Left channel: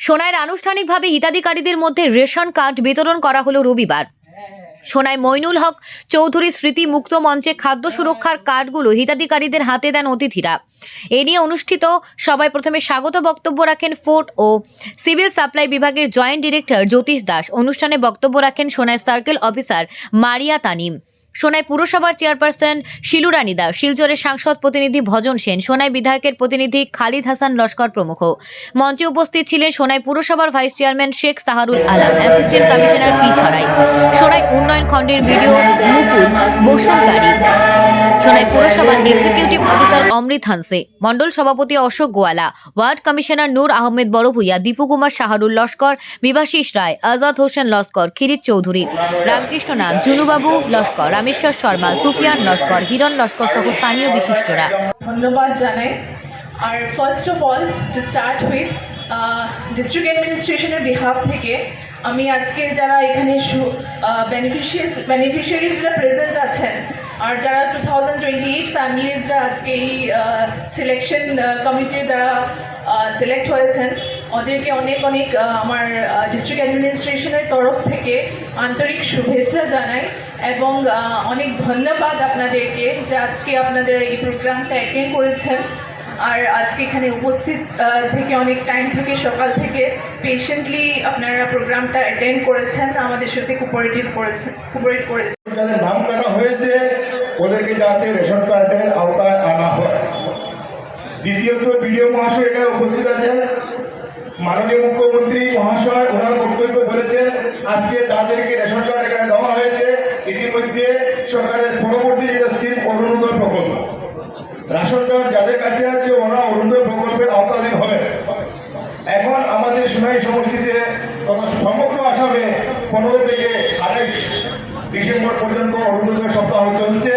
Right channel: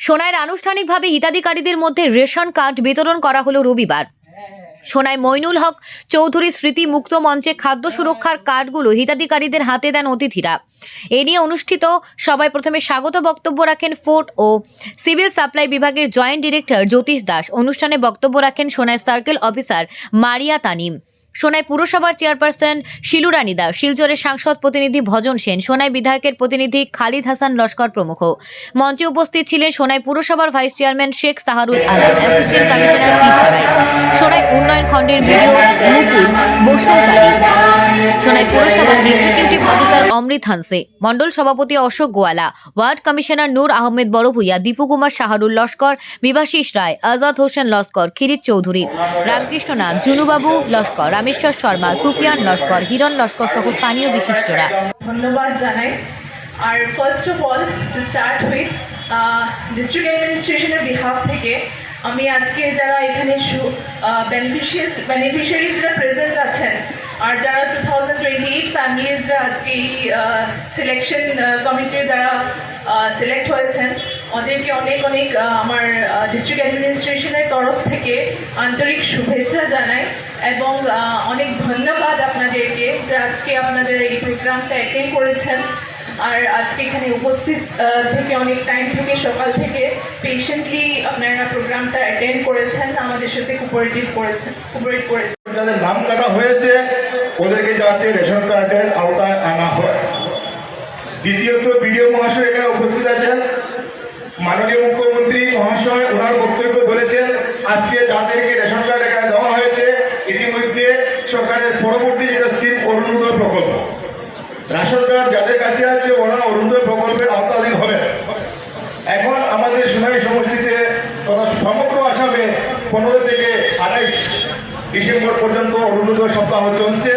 সোনাইয়ের আনুষ্ঠানিকভাবে হিতাধিকারীদের মধ্যে ration card বিতরণ করা হলো রবিবার। সোনাই মইনুল হক চৌধুরী স্মৃতি মুক্ত মঞ্চে খাদ্য সুরক্ষার কার্ডগুলো হিতাধিকারীদের হাতে দেন অতিথিরা। এ নিয়ে অনুষ্ঠিত সবাই প্রথমে স্বাগত বক্তব্য রাখেন ফোর্ট ও সিভিল সাপ্লাই বিভাগের জয়েন্ট ডিরেক্টর জ্যোতিষ দাস। অনুষ্ঠানে বক্তব্য রাখেন সোনাই সার্কেল অফিসার মারিয়া তানিম। সোনাই পুরসভার চেয়ারপারসন শিলুরানী দাস, শিলচরের সাংসদ প্রতিনিধি ভজন সেন, সোনাই বিধায়কের প্রতিনিধি খালিদ হাসান লস্কর প্রমুখ। মঞ্চে উপস্থিত ছিলেন সোনাই পুরসভার vice chairman Sheikh Saharul Alam, assistant commissioner P Chharai. Sonai উন্নয়ন খণ্ডের ভিডিও মুকুল বসুমতারি। সোনাই পুরসভার এক্সিকিউটিভ অফিসার অমৃত হানসে। মণ্ডল সভাপতি অশোক গোয়ালা। Ward commissioner Nur Ahmed Barbhuiya Dipu Kumar Shahrul Laskar, Bibhashis Roy, Azad Hossain Laskar Khirit Chowdhury. Ramakrishna Nath Junubabu Laskar, Rameshwar Sharma, Sufiyan Laskar, Hiran Laskar সহ স্থানীয় বিশিষ্টরা। ধন্যবাদ জানাই। আর first of all to start with district অ্যাডমিনিস্ট্রেশনের behalf থেকে আমি আজকে যারা এখানে বেনিফিশিয়ারিজ বেনিফিশিয়ারিজরা প্রেজেন্ট আছেন আর যারা টু থাউজেন্ড টোয়েন্টি এইট ফ্যামিলিজরা আজকে এই সিলেকশন কমিটির দ্বারা সিলেক্ট হয়েছেন, ওদেরকে অনেক অনেক আমার ডিস্ট্রিক্ট অ্যাডমিনিস্ট্রেশনের তরফ থেকে আন্তরিক শুভেচ্ছা জানাই এবং অনেক ধন্যবাদ আপনাদেরকে যে আজকে আপনাদের এই প্রোগ্রামটা অ্যাটেন্ড করেছেন। আর আজকে এখানে উপস্থিত থেকে অনেক টাইম থেকে, সকাল থেকে পেশেন্টলি আপনারা প্রোগ্রামটা অ্যাটেন্ড করেছেন, আমাদের সাথে কোপারেটিভ করেছেন কোপারেট করেছেন যাদের নাম কাটা হয়েছে ওদেরকে যাতে রেশন কার্ডের আওতায় আনা হয়। দ্বিতীয়ত বিডিও মহাশয় এখানে উপস্থিত আছেন। মাননীয় মুখ্যমন্ত্রী মহাশয়, ওনার বক্তব্য বলেছেন, আজকে যাদেরকে রেশন কার্ড এখানে দেওয়া হয়েছে। ইতিমধ্যে সরকারের পরবর্তী যেটা স্কিম অরুণোদয় প্রকল্প। রেশন কার্ড যাদের কাছে আছে, ওরা অরুণোদয় প্রকল্পের আওতাধীন হবে। এখন আমাদের সোনাই সমষ্টিতে তথা সমগ্র আসামে পনেরো থেকে আঠাইশ ডিসেম্বর পর্যন্ত অরুণোদয় সপ্তাহ চলছে।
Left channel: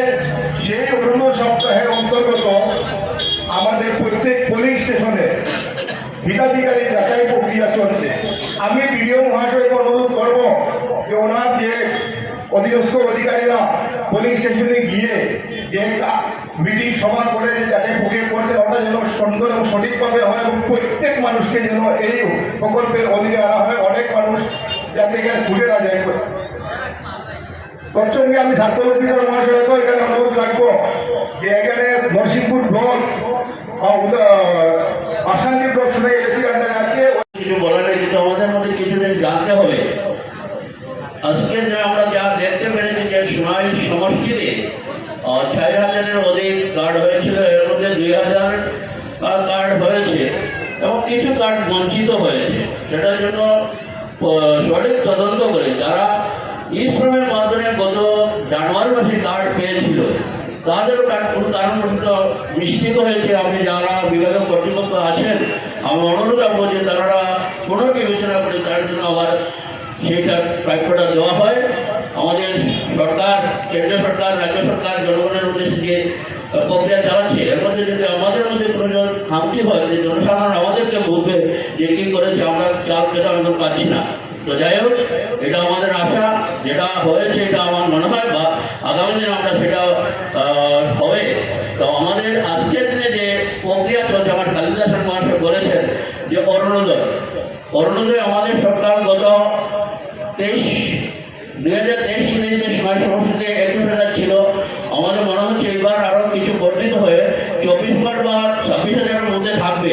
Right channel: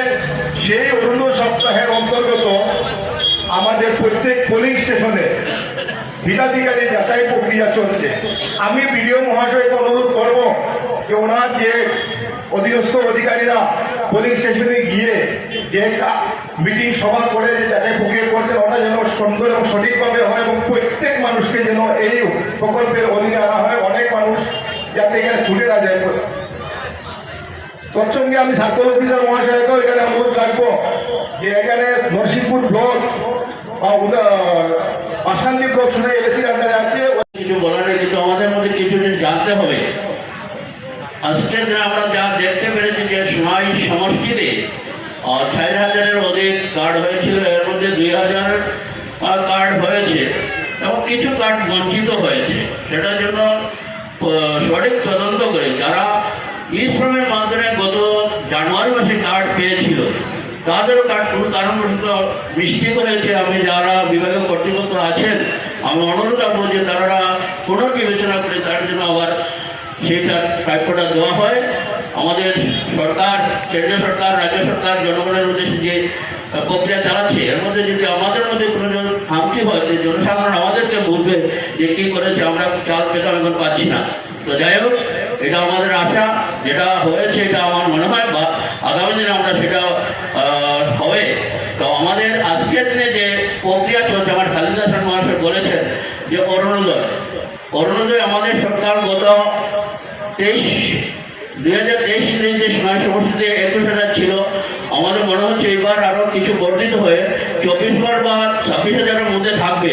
সেই অরুণোদয় সপ্তাহের অন্তর্গত আমাদের প্রত্যেক পোলিং স্টেশনে হিতাধিকারী যাচাই প্রক্রিয়া চলছে। আমি বিডিও মহাশয়কে অনুরোধ করব যে ওনার যে অধীনস্থ অধিকারীরা পোলিং স্টেশনে গিয়ে যে একটা মিটিং সভা করে যে যাচাই প্রক্রিয়া করছেন, ওটা যেন সুন্দর এবং সঠিকভাবে হয় এবং প্রত্যেক মানুষকে যেন এই প্রকল্পের অধীনে আনা হয়। অনেক মানুষ যাতে এখানে ছুটে না যায়। তৎসঙ্গে আমি সার্কল অফিসার মহাশয়কেও এখানে অনুরোধ রাখব যে এখানে নরসিংপুর ব্লক আসান্তি ব্লক শুনে এলএসির আন্ডারে আছে কিছু বলার কিন্তু আমাদের মধ্যে কিছু জিনিস জানতে হবে। আজকে যে আমরা যা দেখতে পেরেছি যে সোনাই সমষ্টিতে চার হাজারের অধিক কার্ড হয়েছিল। এর মধ্যে দুই হাজার কার্ড হয়েছে এবং কিছু কার্ড বঞ্চিত হয়েছে। সেটার জন্য সঠিক তদন্ত করে যারা ই মাধ্যমে গত জানুয়ারি মাসে কার্ড পেয়েছিল। তাদেরও কারণবশত মিস্টেক হয়েছে। আপনি যারা বিভাগীয় কর্তৃপক্ষ আছেন, আমি অনুরোধ রাখব যে তারা পুনর্বিবেচনা করে তার জন্য আবার সেইটা প্রাপ্যটা দেওয়া হয়। আমাদের সরকার, কেন্দ্রীয় সরকার, রাজ্য সরকার, জনগণের উদ্দেশ্যে যে প্রক্রিয়া চালাচ্ছে, এর মধ্যে যদি আমাদের মধ্যে কোনো খামতি হয়, যে জনসাধারণ আমাদেরকে বলবে যে কি করেছে, আমরা চাল পেতাম এখন পাচ্ছি না। তো যাই হোক, এটা আমাদের আশা। যেটা হয়েছে এটা আমার মনে হয়, বা আগামী দিনে আমরা সেটা হবে। তো আমাদের আজকের দিনে যে প্রক্রিয়া চলছে, আমার খালিদা মহাশয় বলেছেন যে অরুণোদয়। অরুণোদয় আমাদের সরকার গত তেইশ, দুই হাজার তেইশ ইংরেজিতে সময় সমষ্টিতে একুশ হাজার ছিল, আমাদের মনে হচ্ছে এবার আরও কিছু বর্ধিত হয়ে চব্বিশ বার বা ছাব্বিশ হাজারের মধ্যে থাকবে।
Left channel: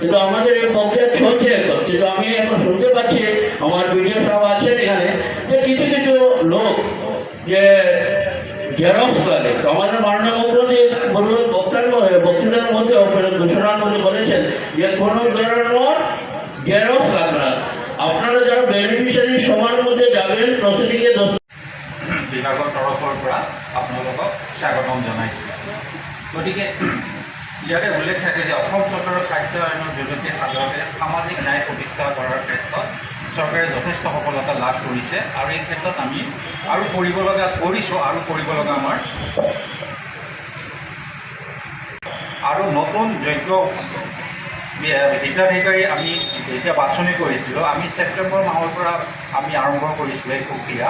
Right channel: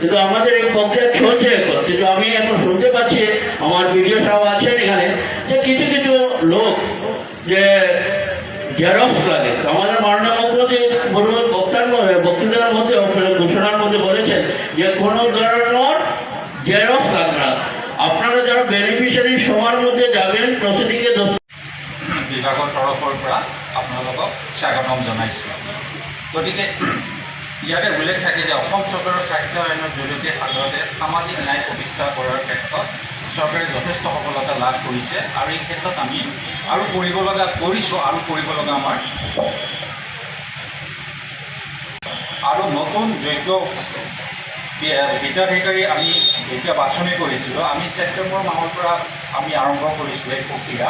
কিন্তু আমাদের এই প্রক্রিয়া চলছে কিন্তু আমি এখন শুনতে পাচ্ছি, আমার ভিডিও সাহেব যে কিছু কিছু লোক যে জেরক্স লাগে। আমাদের মাননীয় মুখ্যমন্ত্রী বলুন, বক্তার বক্তৃতার মধ্যে ঘোষণার মধ্যে বলেছেন যে কোনো ধরনের জেরক্স লাগবে না। আপনারা যারা বেনিফিচিয়ারি সবার মধ্যে যাবেন প্রসিডিংয়ে বিভাগৰ তৰফৰ পৰা আপোনালোকক স্বাগতম জনাইছোঁ। গতিকে, ইয়াতে উল্লেখ থাকে যে অসম চৰকাৰৰ খাদ্য আইনৰ জৰিয়তে সাধাৰণতে সামাজিক ন্যায় প্ৰতিষ্ঠা কৰাৰ ক্ষেত্ৰত চৰকাৰে যথেষ্ট সফলতা লাভ কৰিছে আৰু এই ক্ষেত্ৰত আমি আৰু কৰিব লগা, কৰিছোঁ আৰু কৰিব লগা আমাৰ। আৰু নতুন যোগ্য হিতাধিকাৰী আমি যেতিয়া বাছনি কৰিছিলোঁ, আমি ছেপ্টেম্বৰ মাহৰ পৰা আমি আৰম্ভ কৰিছিলোঁ এই প্ৰক্ৰিয়া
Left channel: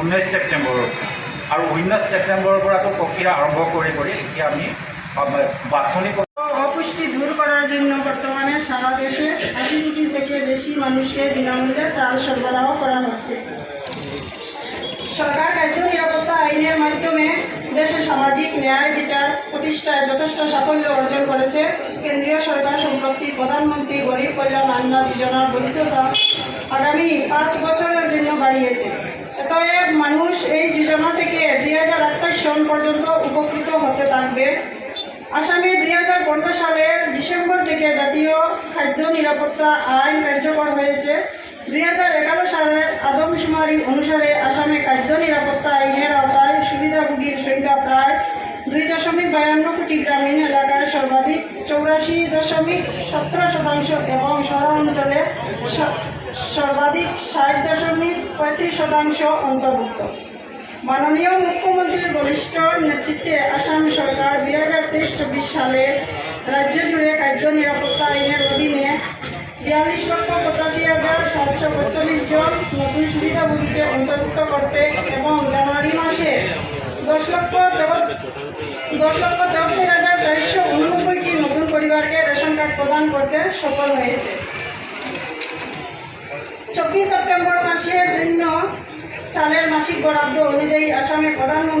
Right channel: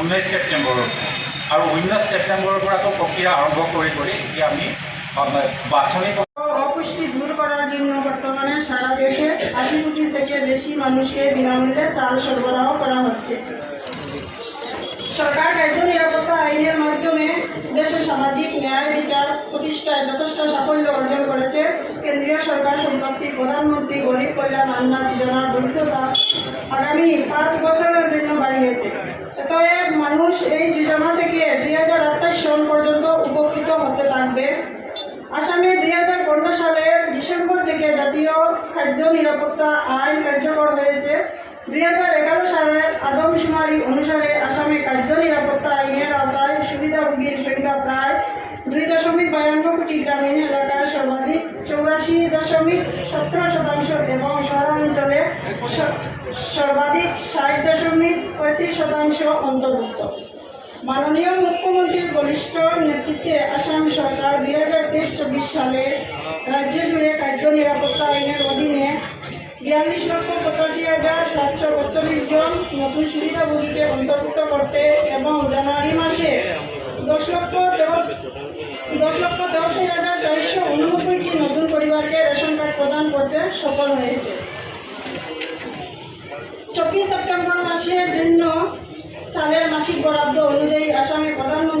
ঊনৈছ ছেপ্টেম্বৰৰ পৰা। আৰু ঊনৈছ ছেপ্টেম্বৰৰ পৰা আকৌ প্ৰক্ৰিয়া আৰম্ভ কৰি কৰি এতিয়া আমি বাছনি অপুষ্টি দূর করার জন্য সারা দেশে আশি কোটি থেকে বেশি মানুষকে বিনামূল্যে চাল সরবরাহ করা হচ্ছে। সরকার খাদ্য নিরাপত্তা আইনের মাধ্যমে দেশে সামাজিক ন্যায় বিচার প্রতিষ্ঠায় যথেষ্ট সাফল্য অর্জন করেছে কেন্দ্রীয় সরকার সম্প্রতি প্রধানমন্ত্রী গরিব কল্যাণ অন্ন যোজনার বৈধতা আগামী পাঁচ বছরের জন্য বাড়িয়েছে। অতএব মানুষ এই যোজনা থেকে দুই হাজার আঠাশ সন পর্যন্ত উপকৃত হতে থাকবে আসামে দুই হাজার সালের ডিসেম্বর থেকে জাতীয় খাদ্য নিরাপত্তা আইন কার্যকর হয়েছে। দুই হাজার এগারো সালের আদমশুমারি অনুসারে আসামে খাদ্য নিরাপত্তা আইনের আওতায় সুবিধাভোগীর সংখ্যা প্রায় দুই দশমিক বায়ান্ন কোটি গ্রামীণ এলাকায় সর্বাধিক। চৌরাশি দশমিক সতেরো শতাংশ এবং শহরাঞ্চলে সর্বাধিক ষাট দশমিক পঁয়ত্রিশ শতাংশ অন্তর্ভুক্ত। মাননীয় মুখ্যমন্ত্রীর বলিষ্ঠ নেতৃত্বে আসাম সরকার দুই হাজার তেইশ চব্বিশ সালে রাজ্য জুড়ে খাদ্য নিরাপত্তা আইনের অধীনে বিয়াল্লিশ লক্ষ পঁচাশি হাজার সাতশো পঁয়তাল্লিশ জন নতুন সুবিধাভোগীকে অন্তর্ভুক্ত করতে এবং জানুয়ারি মাসে দশ লক্ষ দশ লক্ষ তেরোত্তর হাজার চারশো উননব্বইটি নতুন পরিবারকে রেশন কার্ড প্রদান করতে সফল হয়েছে। চব্বিশ সেপ্টেম্বর মাসের জন্য চালের মাসিক বরাদ্দ অনুযায়ী আসামে প্রধানমন্ত্রী